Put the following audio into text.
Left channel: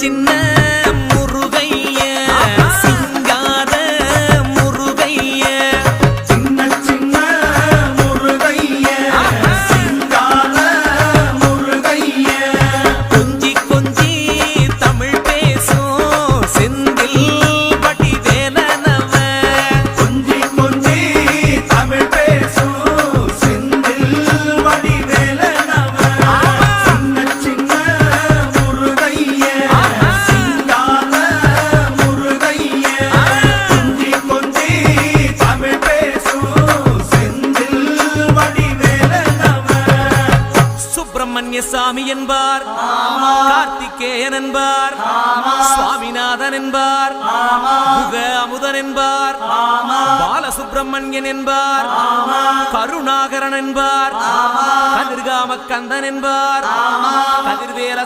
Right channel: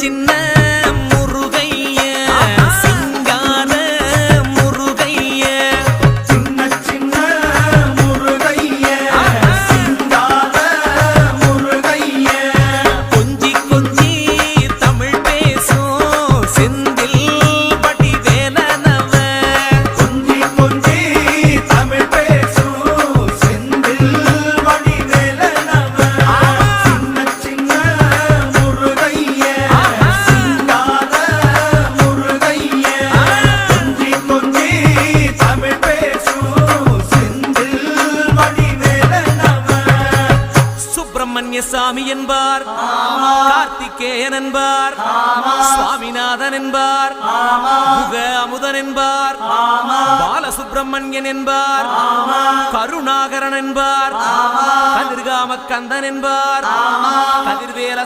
சின்ன முருகைய சிங்கார முருகைய சின்ன சின்ன முருகைய சிங்கார முருகைய கொஞ்சி கொஞ்சி தமிழ் பேசும் செந்தில் வடிவேலனவ கொஞ்சி கொஞ்சி தமிழ் பேசும் செந்தில் வடிவேலனவ சின்ன சின்ன முருகைய சிங்கார முருகைய கொஞ்சி கொஞ்சி தமிழ் பேசும் செந்தில் வடிவேலனவ சுப்பிரமணிய சாமி என்பார், கார்த்திகேயன் என்பார், சுவாமிநாதன் என்பார், முக அமுதன் என்பார், பாலசுப்பிரமணியன் என்பார், கருணாகரன் என்பார், கதிர்காம கந்தன் என்பார், கதிர்வேல